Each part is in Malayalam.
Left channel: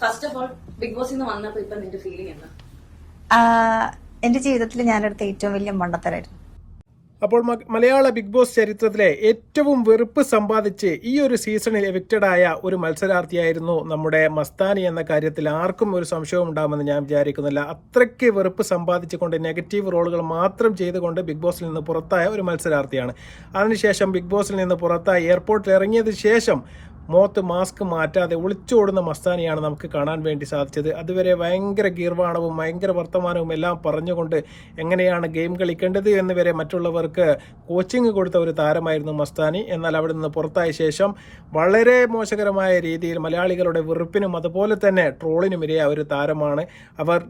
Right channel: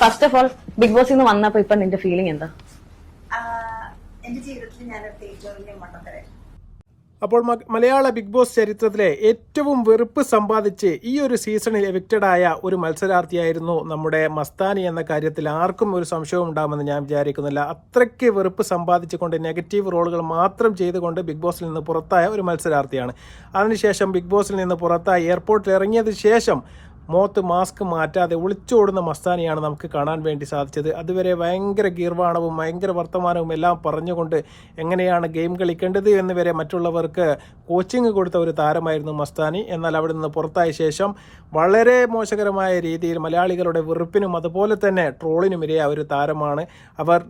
ഫസ്റ്റ് ഓഫ് ഓൾ ബിഗ് ബോസിൽ നിന്ന് വന്നപ്പോ ഇപ്പൊ നിന്റെ ഫീലിംഗ് എന്താ? എന്റെ ജീവിതത്തിൽ ഞാനെടുത്ത ഏറ്റവും വലിയ മണ്ടത്തരായിരുന്നു. അപ്പോൾ മലയാള ബിഗ് ബോസ് ചരിത്രത്തിലെ ഏറ്റവും വെറുപ്പ് സമ്പാദിച്ച് ഈ ഒരു സീസണിൽ എവിക്റ്റഡ് ആയ ഒരു മത്സരാർത്ഥിയായിരുന്നു നമ്മുടെ മസ്താനി എന്ന കാര്യത്തിൽ ആർക്കും ഒരു സംശയവും ഉണ്ടാകുമെന്ന് ഞാൻ വിചാരിക്കുന്നില്ല. അത്രയ്ക്ക് വെറുപ്പ് സമ്പാദിച്ചുകൊണ്ട് നെഗറ്റീവ് റോളുകൾ മാത്രം ചെയ്തുകൊണ്ട് ബിഗ് ബോസിൽ നിന്ന് പുറത്തായ ഒരു മത്സരാർത്ഥിയാണ്. അതിനുശേഷം ബിഗ് ബോസിൽ നിന്ന് പുറത്തായി എയർപോർട്ടിൽ ഇറങ്ങിയതിന് ശേഷം മോത്ത് മാസ്ക് മാറ്റാതെ ഒളിച്ചോടുന്ന മസ്താനിയാണ് നമുക്ക് കാണാൻ വേണ്ടി സാധിച്ചത്. അതുവരെ ഭയങ്കര ഗീർവാണവും ഭയങ്കര വർത്തമാനവും എല്ലാം പറഞ്ഞുകൊണ്ട് എങ്ങനെയാണ് ഗെയിം കളിക്കേണ്ടത് എന്ന് വരെ മറ്റുള്ളവർക്ക് കോച്ചിങ് കൊടുത്ത ഒരു താരമായിരുന്നു മസ്താനി. എന്നാൽ അവിടെ നിന്ന് പുറത്തായ ശേഷം വളരെ മോശകരമായ രീതിയിൽ മലയാളികളുടെ വെറുപ്പിനും അതുപോലെ തന്നെ ട്രോളിനും ഇരയായ ഒരു താരമാണ്. അവർ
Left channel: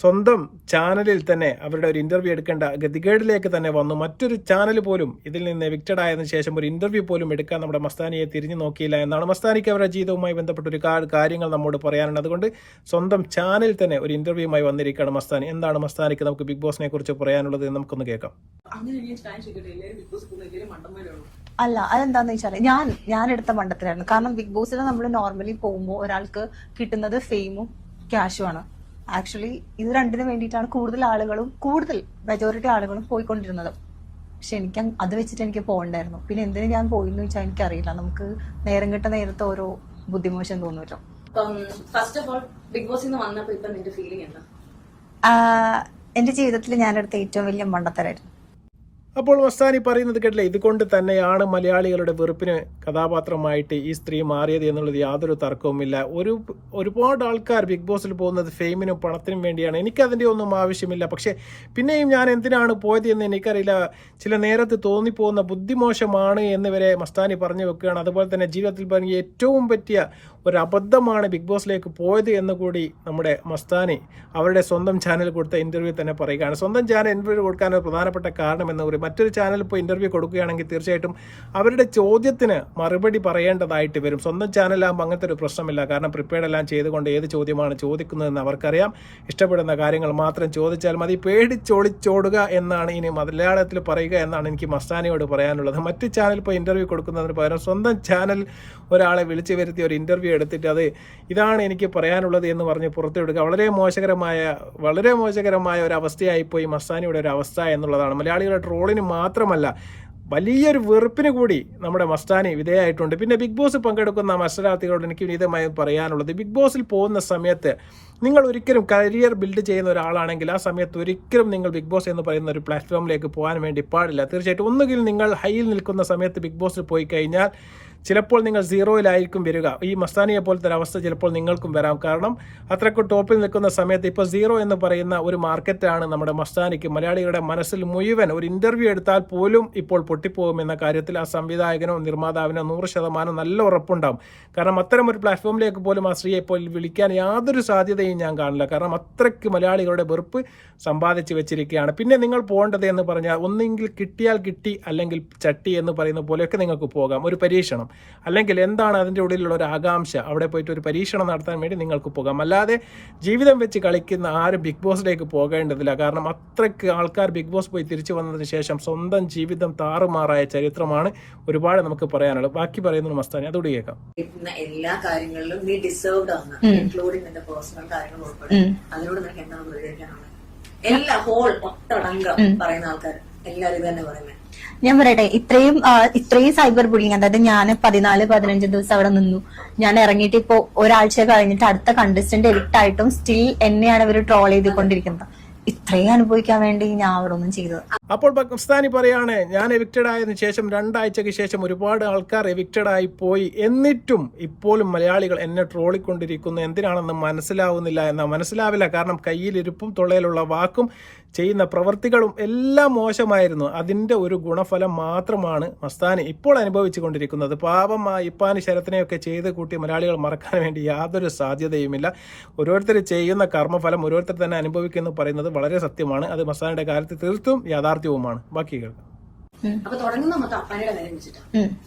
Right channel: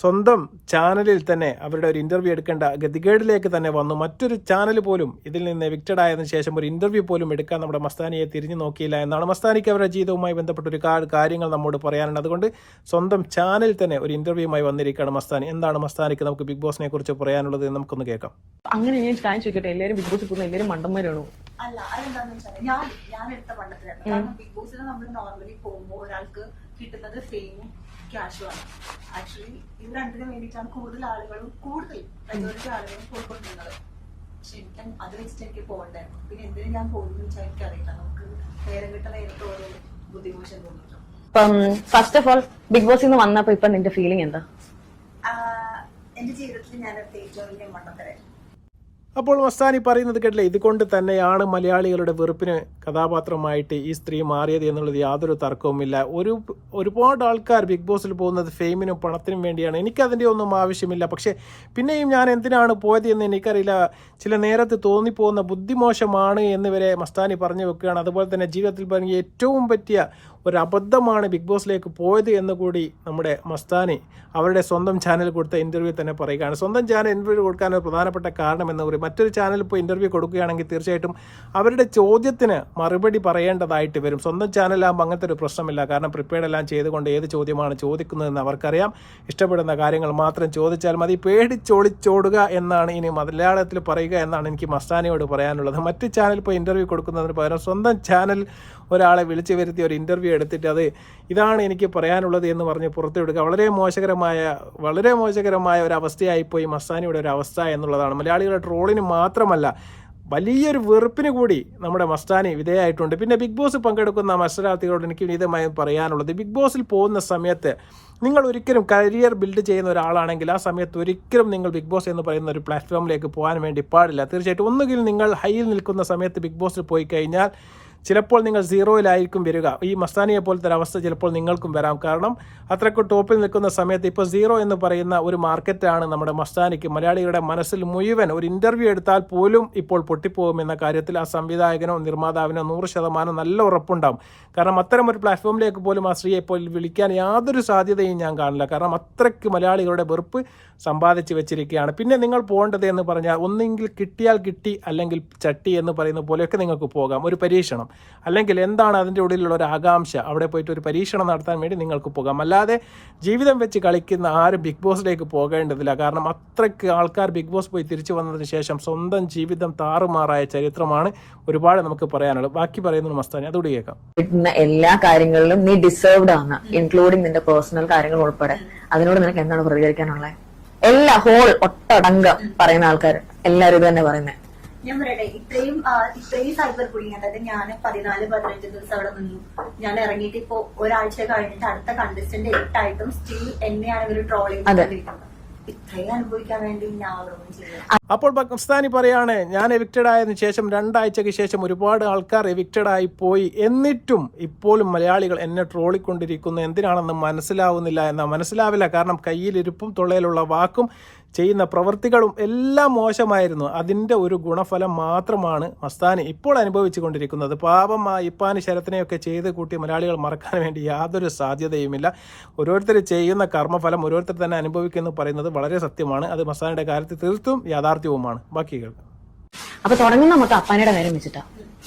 സ്വന്തം ചാനലിൽ തന്നെ അവരുടെ ഒരു ഇന്റർവ്യൂ എടുക്കേണ്ട ഗതികേടിലേക്ക് തന്നെ വന്നു. മറ്റൊരു ചാനൽ പോലും ഇതിൽ നിന്ന് എവിക്റ്റഡ് ആയതിനു ശേഷം ഒരു ഇന്റർവ്യൂ പോലും എടുക്കാൻ നമ്മുടെ മസ്താനിയെ തിരിഞ്ഞു നോക്കിയില്ല എന്നാണ് മസ്താനിക്ക് അവരുടെ ജീവിതവുമായി ബന്ധപ്പെട്ട ഒരു കാര്യങ്ങൾ നമ്മോട് പറയാനുണ്ട് അതുകൊണ്ട് സ്വന്തം ചാനലിൽ തന്നെ ഒരു ഇന്റർവ്യൂമായി വന്നിരിക്കുകയാണ് മസ്താനി. എന്താണ് മസ്താനിക്ക് നമുക്ക് ബിഗ് ബോസിനെ കുറിച്ച് പറയാനുള്ളത് എന്ന് നമുക്കൊന്ന് കേൾക്കാം. അങ്ങനെ ഞാൻ കാര്യം ചോദിക്കട്ടെ? എല്ലാവരും ബിഗ് ബോസിൽ പോകുന്ന എല്ലാവരും മണ്ടന്മാരാണോ? അല്ല അതെന്താന്ന് വെച്ചാൽ ഞാൻ ഞാൻ എടുത്ത മണ്ടത്തിലായിരുന്നു കാരണം ബിഗ് ബോസിൽ നമ്മൾ നോർമലി പോകുമ്പോൾ ഒരാൾക്ക് കിട്ടുന്നത് ഫെയിമും ക്യാഷും ആണ്. ആക്ച്വലി ഇത് രണ്ടിനും വേണ്ടിയിട്ടാണ് കൂടുതൽ ആളുകളും കൂടുതൽ മെജോറിറ്റി ആളുകളും പോയിക്കൊണ്ടിരുന്നത്. പക്ഷെ എനിക്ക് അത് വെച്ചിട്ട് എനിക്ക് പോകണ്ടായിരുന്നു. പിന്നെ എന്തിനു ഞാൻ പോയിന്ന് വെച്ചാൽ എനിക്കറിയില്ല. നമുക്ക് നേരം കിട്ടുന്ന നേരത്തെ ഓരോ ബുദ്ധിമോശം തോന്നുമല്ലോ ഇപ്പം ഫസ്റ്റ് ഓഫ് ഓൾ ബിഗ് ബോസിൽ നിന്ന് വന്നപ്പോ ഇപ്പൊ നിന്റെ ഫീലിംഗ് എന്താ? എന്റെ ജീവിതത്തിൽ ഞാനെടുത്ത ഏറ്റവും വലിയ മണ്ടത്തരായിരുന്നു. അപ്പോൾ മസ്താനി പറയുന്നത് കേട്ടില്ല? ഇതുകൊണ്ട് തന്നെയാണ് മലയാളികളുടെ വെറുപ്പിന് കഥാപാത്രമായിട്ട് ഈ സ്ത്രീ മാറിയത് എന്നുള്ളത് യാതൊരു തർക്കവുമില്ല. ഒരു ഒരുപാട് ആൾക്കാർ ബിഗ് ബോസിൽ പോകുന്നത് ഫെയിമിനും പണത്തിനും വേണ്ടിയാണ്. എനിക്കതിന്റെ ഒന്നും ആവശ്യമില്ല. പക്ഷേ പിന്നെയും ഞാൻ എന്തിനാണ് പോയത് എന്ന് എനിക്കറിയില്ല. ചില നേരത്ത് തോന്നിപ്പോകുന്ന ബുദ്ധിമോശമാണ് എന്ന് വരെ മസ്താനി പറഞ്ഞു വെക്കുകയാണ്. അതുപോലെ തന്നെ ജീവിതത്തിൽ പറഞ്ഞ ഏറ്റവും പറ്റിയ ഒരു അബദ്ധമാണ് ബിഗ് ബോസിലേക്ക് പോയത് എന്ന് കൂടി നമ്മുടെ മസ്താനി അവരുടെ സ്വന്തം ചാനൽ കൊടുത്ത ഇന്റർവ്യൂ തന്നെ പറയുകയാണ്. സ്വന്തം ചാനൽ ഇന്റർവ്യൂ കൊടുക്കാൻ ഒരു പ്രധാനപ്പെട്ട കാരണം എന്ന് പറയും മറ്റൊരു ചാനൽ ഇപ്പോൾ ഇന്റർവ്യൂ കൊടുക്കുകയാണെങ്കിൽ തീർച്ചയായിട്ടും അവരുടെ ചോദ്യത്തിന് മറുപടി പറയേണ്ടതായിട്ട് വരും. സ്വന്തം ചാനലാകുമ്പോൾ അങ്ങനത്തെ ഒരു പ്രശ്നമില്ല. കാരണം പ്രിപ്പയർഡ് എല്ലാം ചെയ്തുകൊണ്ട് ഏത് ചോദ്യമാണ് ചോദിക്കുന്നതെന്ന് അവർക്കറിയാം. ഇഷ്ടപ്പെടുന്ന കാര്യങ്ങൾ മാത്രം ചോദിച്ചാൽ മതി. പേടിച്ചൊളിച്ചോടുക എന്നാണ് ഇനി മലയാളത്തിൽ പറയുക എന്നാണ് എനിക്ക് മസ്താനിയോട് പറയാനുള്ളത്. മറ്റ് ചാനൽ ഇപ്പോൾ ഇന്റർവ്യൂ കൊടുക്കുന്നതിന് പകരം സ്വന്തം ചാനൽ ഒരാളെ വിളിച്ചു വരുത്തി ഒരു ഇന്റർവ്യൂ എടുത്തിട്ട് അത് ഇതാണ് എനിക്ക് പറയാനുള്ളത് എന്ന് പറഞ്ഞ് പുറത്തുവിടുക വളരെ മോശകരമായ വളരെ മോശകരമായ ഒരു അവസ്ഥയായിപ്പോയി മസ്താനിയുടെ ഒരു അവസ്ഥ എന്നുള്ളതാണ്. മലയാളികളുടെ ട്രോളിന് മാത്രമല്ല വലിയൊരു വെറുപ്പിന് കൂടി നമ്മുടെ മസ്താനി വിധേയമായിട്ടുണ്ട് പിന്നെ ബിഗ് ബോസ് പങ്കെടുക്കുന്ന മത്സരാർത്ഥികളോട് എനിക്ക് വിനീതമായി പറയാനുള്ളത് ബിഗ് ബോസിൽ പോകുന്ന സമയത്ത് നിങ്ങൾ ഒരിക്കലും കരിയർ ബിൽഡ് ചെയ്യുന്ന ഒരാളാണെങ്കിൽ ആ സമയത്ത് ഒരിക്കലും നിങ്ങൾ ബിഗ് ബോസ് എന്ന് പറയുന്ന ഒരു പ്ലാറ്റ്ഫോമിലേക്ക് പോകാൻ വേണ്ടി പാടില്ല. തീർച്ചയായിട്ടും ഒന്നുകിൽ നിങ്ങൾ ഹൈയിൽ നിൽക്കുന്ന സമയത്ത് ബിഗ് ബോസിൽ പോയി കഴിഞ്ഞാൽ ചിലപ്പോൾ നിങ്ങൾ സീറോയിലായിരിക്കും വരിക. ഈ മസ്താനിയെ പോലത്തെ ഒരു അവസ്ഥ ചിലപ്പോൾ നിങ്ങൾക്കും വരാം. കാരണം അത്രയ്ക്ക് ടോപ്പിൽ നിൽക്കുന്ന സമയത്ത് ഇപ്പോൾ സീറോ എന്ന് പറയുന്ന ഒരു മാർക്കറ്റാണ് നമ്മുടെ മസ്താനിക്ക്. മലയാളികളുടെ മനസ്സിൽ മുഴുവൻ ഒരു ഇന്റർവ്യൂ എടുത്താൽ പോലും ഇപ്പോൾ പൊട്ടിപ്പോകുമെന്ന കാര്യത്തിൽ ആ സംവിധായകനോ നിർമ്മാതാവിനോ നൂറ് ശതമാനം നല്ല ഉറപ്പുണ്ടാവും. കാരണം അത്തരം ഒരു പ്ലാറ്റ്ഫോമിലേക്ക് പോലും ആ സ്ത്രീയെ ഇപ്പോൾ വിളിക്കാൻ യാതൊരു സാധ്യതയും ഞാൻ കാണില്ല. കാരണം അത്രയ്ക്ക് മലയാളികളുടെ വെറുപ്പ് സമ്പാദിച്ചു വെച്ചിരിക്കുകയാണ്. പിന്നെ നിങ്ങൾ പോകേണ്ടത് എന്ന് പറഞ്ഞാൽ ഒന്നെങ്കിൽ കിട്ടിയാൽ കിട്ടി അല്ലെങ്കിൽ ചട്ടി എന്ന് പറയുന്ന പോലെയൊക്കെ നിങ്ങൾക്ക് പോകാം. ഒരു പരീക്ഷണം. അല്ലെങ്കിൽ എന്താണ് അതിന്റെ ഉള്ളിലുള്ള ഒരു ആകാംക്ഷ? അവിടെ പോയിട്ട് ഒരു പരീക്ഷണം നടത്താൻ വേണ്ടി നിങ്ങൾക്ക് പോകാം. അല്ലാതെ ജീവിതം വെച്ച് കളിക്കുന്ന ആരും ബിഗ് ബോസിലേക്ക് പോകേണ്ടതില്ല. കാരണം അത്രയ്ക്ക് ആൾക്കാർ ബിഗ് ബോസ് പോയി തിരിച്ചു വന്നതിന് ശേഷം സ്വന്തം ജീവിതം താറുമാറായ ചരിത്രമാണ് ഒരുപാട് നമുക്ക് പറയാനുള്ളത്. ബാക്കി പറയുന്നത് മസ്താനി അതുകൂടി കേൾക്കാം. കിട്ടുന്ന എല്ലാ കാര്യങ്ങളിലും നീ ഡിസേർവ്ഡ് ആണ് ഇൻക്ലൂഡിങ് നിന്റെ പേഴ്സണൽ കാര്യങ്ങൾ ഉൾപ്പെടെ. അതിനോട് നിനക്ക് എന്താണ് പ്രതികരിക്കാനുള്ളത്? എല്ലാ ഹോൾ ഒട്ടടങ്കം പറയുന്ന ആൾക്കാർ എല്ലാവരും ഇത് തന്നെ പറയുന്നത് ഞാൻ പറയട്ടെ ഇത്രയും ഇത്രയും സൈബർ ബുള്ളിങ് അതായത് ഞാൻ പതിനാല് പതിനഞ്ച് ദിവസം അവിടെ നിന്നു. ഞാൻ ഇറങ്ങിയിട്ട് ഇപ്പോ ഒരാഴ്ച കഴിഞ്ഞിട്ട് അടുത്ത കണ്ടസ്റ്റന്റ് എലിട്ടായിട്ടും സ്റ്റിൽ എന്നെയാണ് ഇവർ ട്രോൾ ചെയ്തുകൊണ്ടിരിക്കുന്നത്. ഇത്രയും അനുഭവിക്കാൻ വേണ്ടി ഞാൻ അവിടെ ഒന്നും ചെയ്തു. അപ്പോൾ പാകിസ്ഥാനി പറയാണ് ഞാൻ എവിക്റ്റഡ് ആയതിനു ശേഷം രണ്ടാഴ്ചയ്ക്ക് ശേഷം ഒരുപാട് ആൾക്കാർ എവിക്റ്റഡ് ആയി പോയി. എന്നിട്ടും ഇപ്പോഴും മലയാളികൾ എന്നെ ട്രോളിക്കൊണ്ടിരിക്കുന്നു എന്തിനാണെന്ന് മനസ്സിലാവുന്നില്ല. എന്നാ മനസ്സിലാവില്ല. കാരണം കയ്യിലിരുപ്പും തൊള്ളയിലുള്ള വാക്കും ചെയ്യുന്ന പ്രവൃത്തികളും എല്ലാം മോശമായിരുന്നു. അതിന്റെ ഒരു ഗുണഫലം മാത്രമാണ് മസ്താനി ഇപ്പോൾ അനുഭവിച്ചു കൊണ്ടിരിക്കുന്നത് പാപം ആ ഇപ്പാനി ശരത്തിനെയൊക്കെ ചെയ്ത് കൂട്ടി മലയാളികൾ മറക്കാൻ വേണ്ടി യാതൊരു സാധ്യതയുമില്ല. ഓരോരുത്തർ ചെയ്യുന്ന കർമ്മഫലം ഓരോരുത്തർ തന്നെ അനുഭവിക്കുന്നു പറയുന്നത് വളരെ സത്യമാണ്. അത് മസ്താനിയുടെ കാര്യത്തിൽ തീർത്തും യാഥാർത്ഥ്യവുമാണ്. ബാക്കി കേൾക്കും അപ്പൊ തുടങ്ങുന്ന മൊത്തം അപ്പാനിയുടെ കാര്യം വെച്ചിട്ടാ.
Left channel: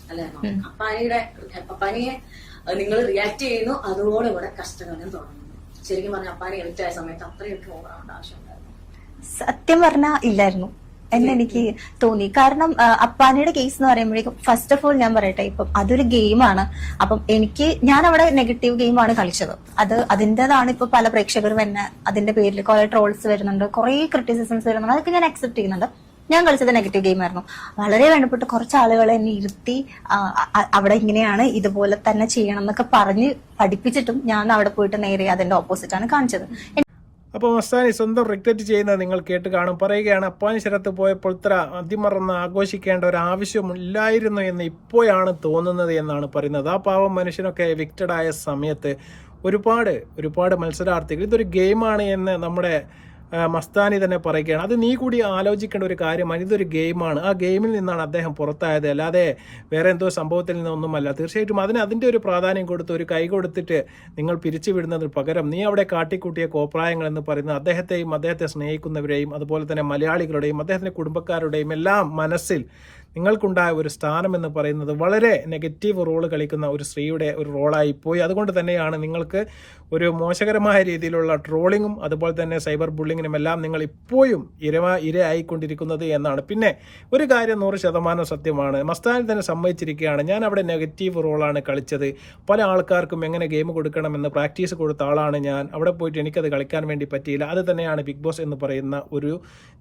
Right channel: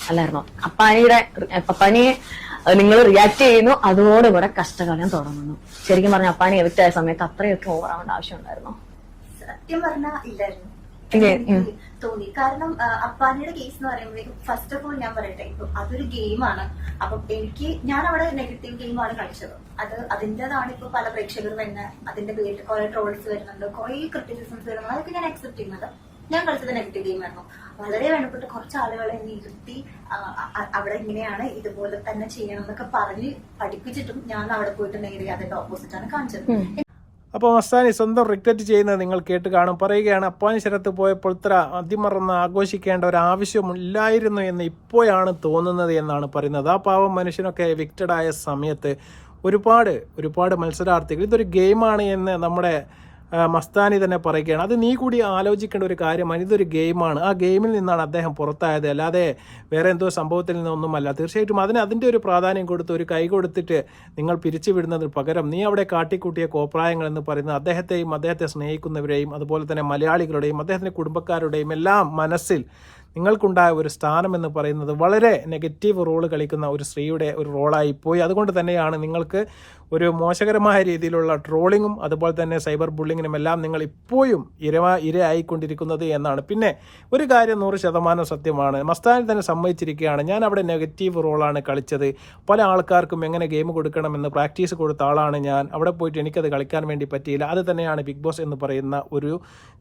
അല്ലായിരുന്നോ? അപ്പാനിയുടെ അപ്പാനിയെ നിങ്ങൾ റിയാക്ട് ചെയ്യുന്നു. അതോടുകൂടെ കഷ്ടകാലം തുടങ്ങുന്നു. ശരിക്കും പറഞ്ഞ അപ്പാനി എവിറ്റായ ആയ സമയത്ത് അത്രയൊക്കെ ഓവറാവേണ്ട ആവശ്യം ഉണ്ടായിരുന്നോ? സത്യം പറഞ്ഞാ ഇല്ലായിരുന്നു. എന്ന് എനിക്ക് തോന്നി. കാരണം അപ്പാനയുടെ അപ്പാനിയുടെ കേസ് എന്ന് പറയുമ്പോഴേക്കും ഫസ്റ്റ് ഓഫ് ഓൾ ഞാൻ പറയട്ടെ ഇപ്പം അതൊരു ഗെയിമാണ് അപ്പം എനിക്ക് ഞാൻ അവിടെ നെഗറ്റീവ് ഗെയിമാണ് കളിച്ചത്. അത് അതിന്റെതാണ് ഇപ്പൊ പല പ്രേക്ഷകരും എന്നെ അതിന്റെ പേരിൽ കുറെ ട്രോൾസ് വരുന്നുണ്ട് കുറെ ക്രിറ്റിസിസംസ് വരുന്നുണ്ട്. അതൊക്കെ ഞാൻ അക്സെപ്റ്റ് ചെയ്യുന്നുണ്ട്. ഞാൻ കളിച്ചത് നെഗറ്റീവ് ഗെയിം ആയിരുന്നു. വളരെ വേണ്ടപ്പെട്ട കുറച്ച് ആളുകൾ എന്നെ ഇരുത്തി അവിടെ ഇങ്ങനെയാണ് ഇതുപോലെ തന്നെ ചെയ്യണം എന്നൊക്കെ പറഞ്ഞ് പഠിപ്പിച്ചിട്ടും ഞാൻ അവിടെ പോയിട്ട് നേരെ അതിന്റെ ഓപ്പോസിറ്റ് ആണ് കാണിച്ചത്. അപ്പോൾ മസ്താനി സ്വന്തം റിഗ്രറ്റ് ചെയ്യുന്നത് നിങ്ങൾ കേട്ട് കാണും. പറയുകയാണ് അപ്പാനി ശരത്ത് പോയപ്പോൾ ഇത്ര അതിമറന്ന് ആഘോഷിക്കേണ്ട ഒരു ആവശ്യമില്ലായിരുന്നു എന്ന് ഇപ്പോഴാണ് തോന്നുന്നത് എന്നാണ് പറയുന്നത്. ആ പാവം മനുഷ്യനൊക്കെ വിക്റ്റഡായ സമയത്ത് ഒരുപാട് ഒരുപാട് മത്സരാർത്ഥികൾ ഇതൊരു ഗെയിമാണ് എന്ന് നമ്മുടെ മസ്താനി തന്നെ പറയുകയാണ് അത് നീ കൂടി ആലോചിക്കേണ്ട ഒരു കാര്യമാണ് ഇതൊരു ഗെയിമാണ്. ആ ഗെയിമിൽ നിന്നാണ് അദ്ദേഹം പുറത്തായത്. അല്ലാതെ വേറെ എന്തോ സംഭവത്തിൽ നിന്നൊന്നുമല്ല. തീർച്ചയായിട്ടും അതിന് അതിന്റെ ഒരു പ്രാധാന്യം കൊടുത്ത് ഒരു കൈ കൊടുത്തിട്ട് നിങ്ങൾ പിരിച്ചുവിടുന്നതിന് പകരം നീ അവിടെ കാട്ടിക്കൂട്ടിയ കോപ്രായങ്ങൾ എന്ന് പറയുന്നത് അദ്ദേഹത്തെയും അദ്ദേഹത്തെ സ്നേഹിക്കുന്നവരെയും അതുപോലെ തന്നെ മലയാളികളുടെയും അദ്ദേഹത്തിന്റെ കുടുംബക്കാരുടെയും എല്ലാം മനസ്സിൽ നിങ്ങൾക്കുണ്ടായ ഒരു സ്ഥാനം എന്ന് പറയുന്നത് വളരെ നെഗറ്റീവ് റോൾ കളിക്കുന്ന ഒരു സ്ത്രീയുടെ ഒരു റോളായി പോയി. അതുകൊണ്ട് തന്നെയാണ് നിങ്ങൾക്ക് ഒരു മോശകരമായ രീതിയിലുള്ള ട്രോളിങ്ങും അതുപോലെ തന്നെ സൈബർ ബുള്ളിങ്ങിനും എല്ലാം നിങ്ങൾ ഇപ്പോഴും ഇര ഇരയായിക്കൊണ്ടിരിക്കുന്നത് എന്നാണ്. പിന്നെ ഒരു കാര്യം നൂറ് ശതമാനം സത്യമാണ്. മസ്താനി തന്നെ സമ്മതിച്ചിരിക്കുകയാണ് ഞാൻ അവിടെ നെഗറ്റീവ് റോളാണ് കളിച്ചത്. പല ആൾക്കാർക്കും എങ്ങനെ ഗെയിം കൊടുക്കണമെന്ന് പ്രാക്ടീസ് കൊടുത്ത ആളാണ് ഞാൻ. അവിടെ പോയിട്ട് എനിക്കത് കളിക്കാൻ വേണ്ടി പറ്റിയില്ല. അത് തന്നെയാണ് ബിഗ് ബോസ് എന്ന് പറയുന്ന ഒരു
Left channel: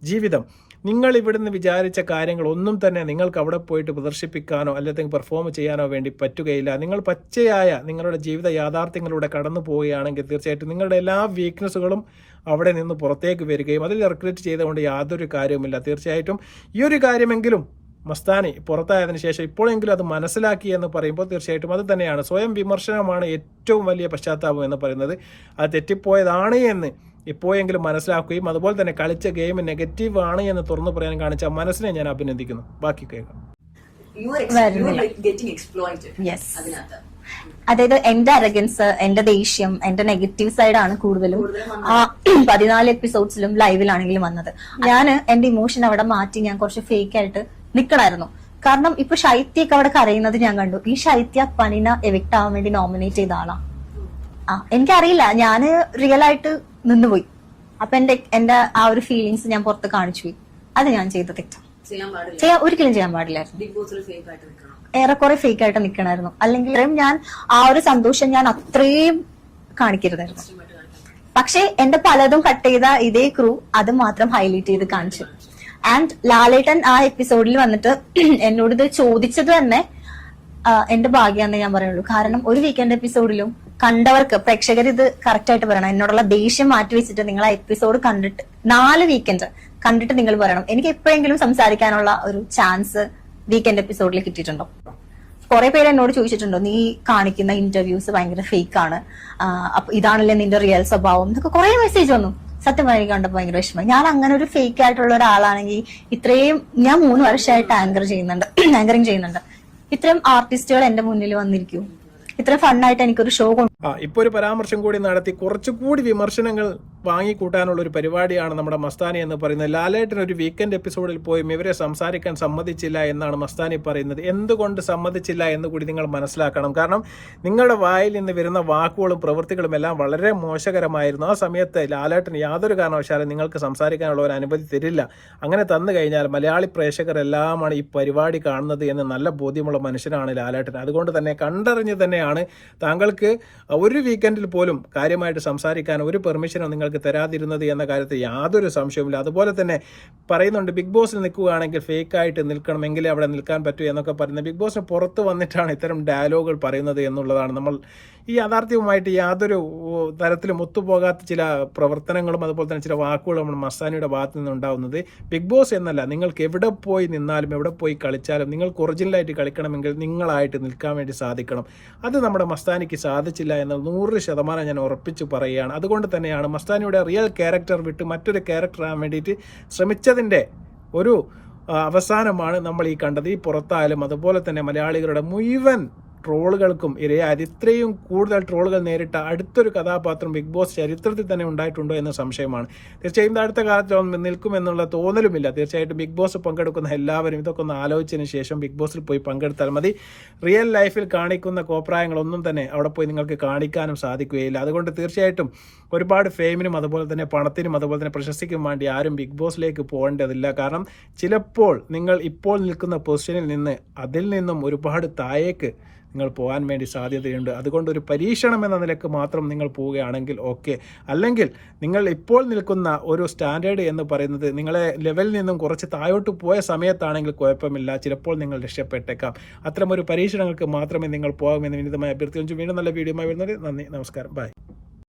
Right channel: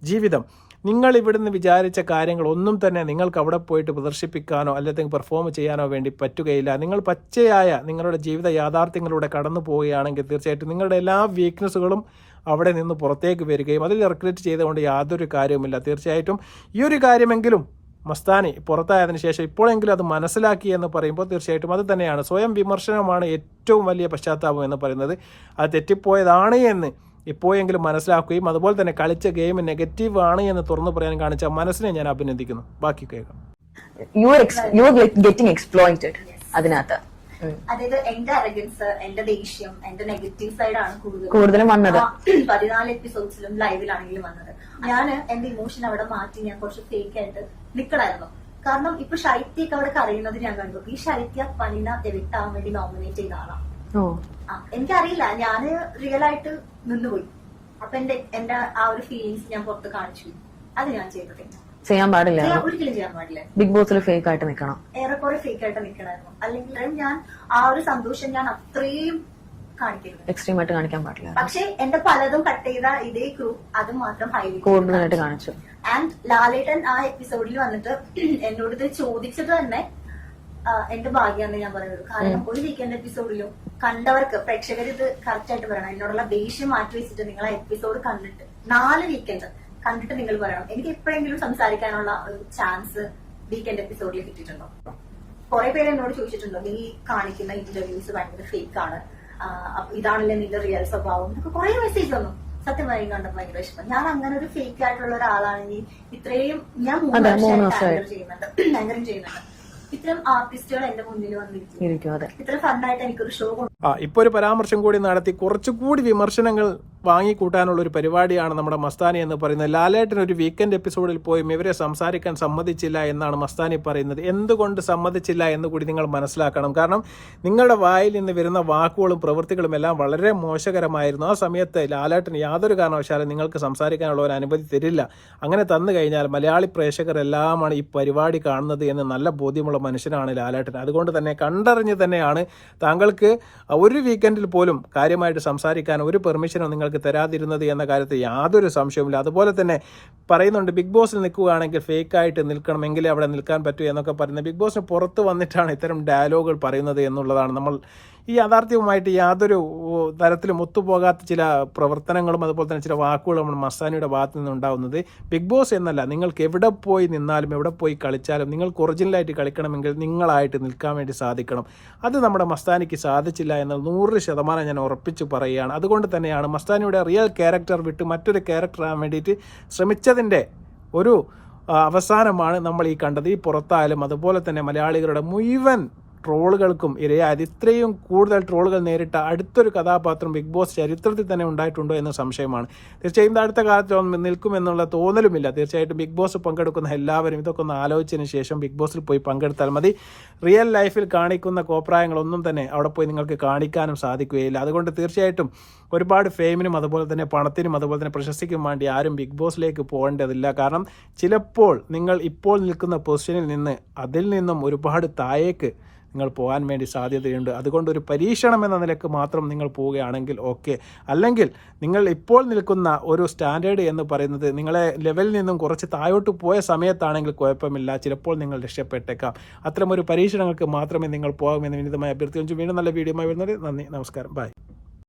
ജീവിതം. നിങ്ങൾ ഇവിടുന്ന് വിചാരിച്ച കാര്യങ്ങൾ ഒന്നും തന്നെ നിങ്ങൾക്ക് അവിടെ പോയിട്ട് പ്രദർശിപ്പിക്കാനോ അല്ലെങ്കിൽ പെർഫോം ചെയ്യാനോ വേണ്ടി പറ്റുകയില്ല. നിങ്ങൾ പച്ചയായ നിങ്ങളുടെ ജീവിത യാഥാർത്ഥ്യങ്ങളിലൂടെ കടന്നു പോവുകയാണെങ്കിൽ തീർച്ചയായിട്ടും നിങ്ങളുടെ എല്ലാ വീക്ക്നെസ്സുകളും അവിടെ നിന്ന് പുറത്തേക്ക് വരികയും അതിൽ റിഗ്രറ്റ് ചെയ്തുകൊണ്ട് യാതൊരു കാര്യവുമില്ല. തീർച്ചയായിട്ടും ഈ ഒരു കാര്യമെങ്കിലും മസ്താനി പുറത്തായതിനു ശേഷം ഇപ്പോഴെങ്കിലും അത് മനസ്സിലാക്കി എന്ന് പറയുമ്പോൾ തീർച്ചയായിട്ടും അത് തന്നെയാണ്. സ്വയം വിമർശനമാണ് ഏറ്റവും വലിയ പശ്ചാത്താപം എന്ന് പറയുന്നത്. അത് തെറ്റിപ്പോയതാണ് എന്ന് ഇപ്പോഴെങ്കിലും മനസ്സിലാക്കുകയും അതുപോലെ തന്നെ കളിച്ച ഗെയിം നെഗറ്റീവ് ആണ് എന്ന് തുറന്നു പറയാൻ കാണിച്ച മനസ്സിനെ ഞാൻ അഭിനന്ദിക്കുന്നു. ബാക്കി കേൾക്കാം. You you getting exploited. അതിനകത്ത്. അതായത് എന്റെ അരഗൻസ് എന്റെ ദേഷ്യം എന്റെ നെഗറ്റീവ് സൈഡ് കൂടുതലും കൂടുതലും വന്നത്. പതിനാല് എപ്പിസോഡ്സിലും ലൈവിലാണെങ്കിലും വന്നത്. ഞാൻ എന്റെ ഇമോഷൻ അവിടെ മാറ്റി ഞാൻ കുറച്ച് ഫേക്ക് ആയിട്ട് നിക്കണായിരുന്നു. കാരണം ഇപ്പൊ ശൈത്യൊക്കെ അവിടെ കരയുന്നത് ഞാൻ കണ്ടു. ഈ ശൈത്യ പനിന എവിക്ട് ആവാൻ വേണ്ടി നോമിനേറ്റ് ചെയ്ത ആളാ. എനിക്കറിയില്ല. ഞാൻ റിയൽ ആയിട്ട് നിന്നുപോയി. അപ്പൊ എന്റെ എന്റെ ആ ഒരു ഫീലിങ്സ് ഞാൻ പുറത്ത് കാണിച്ചു പോയി. അത് ഞാൻ ചെയ്ത തെറ്റാണ് ചെയ്യാൻ പാടില്ല. ചെയ്യാൻ ഒരിക്കലും ചെയ്യാൻ പാടില്ല. ബിഗ് ബോസിൽ ഫേക്ക് ആയിട്ട് നിൽക്കണം ഏറെക്കുറെ ഫേക്ക് ആയിട്ട് നിൽക്കണമായിരുന്നു അല്ലെങ്കിൽ ഞാൻ ആ ഒരു സന്തോഷം ഞാൻ അത്രയും കാണിക്കരുത്. എക്സ്ട്രീം ആയിട്ട് കാണിക്കാൻ പാടില്ല. പക്ഷേ എന്റെ പലതും കട്ട് ചെയ്ത ഇതേ ക്രൂ അത് മാത്രം ഹൈലൈറ്റ് ചെയ്ത് കാണിച്ചു. ആൻഡ് ലാലേട്ടൻ ആ എപ്പിസോഡിൽ വന്നിട്ട് എന്നോട് ഇത് ചോദിച്ചത് തന്നെ എന്റെ ഭാഗ്യാന്നേ ഞാൻ പറയുള്ളൂ. കാരണം ഒരു വീക്കെൻഡ് എപ്പിസോഡിലും കണ്ടവർക്ക് പ്രേക്ഷകർ ഇത് കറക്റ്റ് ആയിട്ട് പറയണം. എന്നോടുള്ള ദേഷ്യം മാറ്റി വെച്ചിട്ട് നിങ്ങൾ ആ എപ്പിസോഡ് കണ്ടിട്ട് നാല് വീക്കെൻഡ് കണ്ടിട്ട് നിങ്ങൾ പറയണം. എനിക്ക് എപ്പോഴെങ്കിലും സംസാരിക്കാനുള്ള ഒരു ചാൻസ് വീക്കെൻഡ് എപ്പിസോഡിൽ കിട്ടിയിട്ടുണ്ടോ? കുറെ പേര് എന്നോട് ചോദിച്ചിട്ടുണ്ടോ നീ കാണിക്കുന്ന ഇന്റർവ്യൂസ് ഭയങ്കര ഫേക്ക് ആണ്. അപ്പൊ ഇതാണല്ലേ നിന്റെ റിയൽ സ്വഭാവം? എന്നൊക്കെ കുറെ മെസ്സേജ് വന്നു. സത്യം പറഞ്ഞാൽ എനിക്ക് കണ്ടപ്പോ ഭയങ്കര വിഷമം. ഞാൻ അങ്ങനെ ഒരു ഫേക്ക് ആയിട്ടുള്ള ഒരാളാണെങ്കിൽ ഇത്രയും ഞാൻ മൂന്ന് വർഷമായിട്ട് ആങ്കർ ചെയ്യുന്നുണ്ട്. ആങ്കറിങ് ചെയ്യുന്നുണ്ട്. ഇത്രയും ആർട്ടിസ്റ്റുകൾ എന്റെ മുന്നിൽ വന്നിരിക്കും. ഇത്രയും ഫണ്ണായിട്ട് എനിക്കൊരു ഷോ ആ ഇപ്പൊ ഒരു പരാമർശം കൂടി നടത്തി. കുറച്ചുകൂടി വിമർശനങ്ങൾ വാങ്ങിക്കൂട്ടാനുള്ള ഒരു പരിപാടിയാണ് നമ്മുടെ മസ്താനി എന്ന് പറയുന്നത്. ലാലേട്ടൻ ഒരു വീക്കെൻഡ് എപ്പിസോഡിൽ പോയും ഇവരെ സംസാരിക്കാൻ സമ്മതിച്ചില്ല എന്നാണ് മസ്താനി പറയുന്നത്. എന്തുകൊണ്ട് സമ്മതിച്ചില്ല എന്ന് കൂടി നിങ്ങൾ മനസ്സിലാക്കണം. കാരണം നിങ്ങളുടെ വായിൽ നിന്ന് വരുന്ന വാക്കുകളും പ്രവൃത്തികളും എല്ലാം വളരെ മോശകരമായിരുന്നു. ആ സമയത്ത് ലാലേട്ടൻ യാതൊരു കാരണവശാലും നിങ്ങൾക്ക് സംസാരിക്കാനുള്ള ഒരു അനുമതി തരില്ല. അങ്ങനെ തന്നു കഴിഞ്ഞാൽ മലയാളി പ്രേക്ഷകരെല്ലാമാണ് ഈ പരിപാടി കാണുന്നത് എന്ന് നല്ല ബോധ്യമുള്ള മനുഷ്യനാണ് ലാലേട്ടൻ. അതുകൊണ്ട് തന്നെ കണ്ടറിഞ്ഞ് തന്നെയാണ് താങ്കൾക്ക് ഒരു വീക്കെൻഡിൽ പോലും കാര്യമായിട്ട് സംസാരിക്കാൻ ഒരു പെർമിഷനും നിങ്ങൾക്ക് തരാതിരുന്നത് എന്ന കാര്യത്തിൽ യാതൊരു സംശയവുമില്ല. അതുപോലെ തന്നെ പറയുന്നുണ്ട് ബിഗ് ബോസിൽ നിൽക്കുകയാണെങ്കിൽ ഫേക്കായിട്ട് നിൽക്കണമെങ്കിലേ അവിടെ നിൽക്കാൻ പറ്റൂ എന്നൊക്കെ പറയുന്നത്. ബിഗ് ബോസിന് പുറത്ത് വന്നിട്ടാണ് ഇത്തരം ഡയലോഗുകൾ പറയുന്നത് എന്നുള്ളതാണ്. നമ്മൾ ഈ യാഥാർത്ഥ്യവുമായിട്ട് യാതൊരു തരത്തിലും ഒത്തുപോകാത്ത ചില പ്രവർത്തനങ്ങളും അതുപോലെ തന്നെ ചില വാക്കുകളും മസ്താനിയുടെ ഭാഗത്തു നിന്നുണ്ടാകുന്നത് ബിഗ് ബോസ് എന്നല്ല. നിങ്ങൾക്ക് എവിടെ പോയി നിന്നാലും എവിടെ പോയി കളിച്ചാലും നിങ്ങൾക്ക് ഒറിജിനലായിട്ട് കളിക്കണമെങ്കിൽ നിങ്ങളായിട്ട് നിൽക്കാൻ വേണ്ടി സാധിക്കണം. അത് നമ്മുടെ മസ്താനിക്ക് സാധിച്ചില്ല എന്ന് നൂറ് ശതമാനം ഞാൻ ഉറപ്പിച്ച് പറയുകയാണ്. അതുകൊണ്ട് തന്നെയാണ് മസ്താനിയുടെ റിയൽ ക്യാരക്ടർ വിട്ട് മറ്റൊരു ക്യാരക്ടർ ആകാൻ വേണ്ടിയിട്ട് ശ്രമിച്ചതിന്റെ ഒരു അവസാനമാണ് നമ്മൾ ഈ കണ്ടത്. ഈ പുറത്തായാലും അതുപോലെ തന്നെ മലയാളികളുടെ മുഴുവൻ ട്രോളുകൾക്കും ഇരയായത് ഇത്രയും കൂടുതൽ ട്രോളുകൾ നേരിട്ട അടുത്തൊരു കഥാപാത്രം ബിഗ് ബോസ് ചരിത്രത്തിൽ തന്നെ ഉണ്ടായിട്ടുണ്ടോ എന്ന സംശയമാണ്. തീർച്ചയായും അടുത്ത കാലത്ത് നിൽക്കുമെന്നുള്ള തോന്നലുമില്ല. തീർച്ചയായിട്ടും ബിഗ് ബോസ് പങ്കെടുക്കുന്ന എല്ലാവരും ഇതൊക്കെ ഒന്ന് ആലോചിച്ചതിന് ശേഷം ബിഗ് ബോസിൽ പോയി പങ്കെടുത്താൽ മതി. റിയൽ ലൈഫിൽ കാണിക്കുന്ന കോപ്രായങ്ങളൊന്നും തന്നെ അവിടെ പോയി നിങ്ങൾക്ക് കാണിക്കാനും സാധിക്കുകയില്ല. അതുകൊണ്ട് തീർച്ചയായിട്ടും ഒരുപാട് ഫെയിമിനും അതുപോലെ തന്നെ പണത്തിനും അതുപോലെ തന്നെ പ്രശസ്തിക്കും വേണ്ടി ആരും ബിഗ് ബോസിലേക്ക് പോകേണ്ടതില്ല. കാരണം ചിലപ്പോൾ നിങ്ങൾ ഇപ്പോൾ നിൽക്കുന്ന പൊസിഷനിൽ നിന്ന് അതിൽ നിന്നും ഒരുപാട് താഴേക്ക് നിങ്ങൾ പോകാൻ വേണ്ടി സാധ്യതയുണ്ട്. അതുകൊണ്ട് ഒരു പരീക്ഷണം എന്ന നിലയ്ക്ക് മാത്രം നിങ്ങൾ പോവുകയാണെങ്കിൽ ഓക്കെ അല്ലെങ്കിൽ നിങ്ങൾ ഇപ്പോൾ നിൽക്കുന്ന ഒരു സ്റ്റാൻഡേർഡ് എന്ന് പറയുന്നത് നിങ്ങളെ ലെവലിൽ നിന്നും കുറച്ച് താഴോട്ട് പോയ സമയത്താണെങ്കിൽ കുഴപ്പമില്ല. ചിലപ്പോൾ നിങ്ങൾ രക്ഷപ്പെട്ടേക്കാം. അത്തരം ഒരു പരീക്ഷണങ്ങൾക്ക് മാത്രമേ നിങ്ങൾ പോകാമെന്ന് വിനിതമായി അഭ്യർത്ഥിച്ചു വീണ്ടും നല്ല വീഡിയോ വരുന്നത് നന്ദി. നമസ്കാരം. ബൈ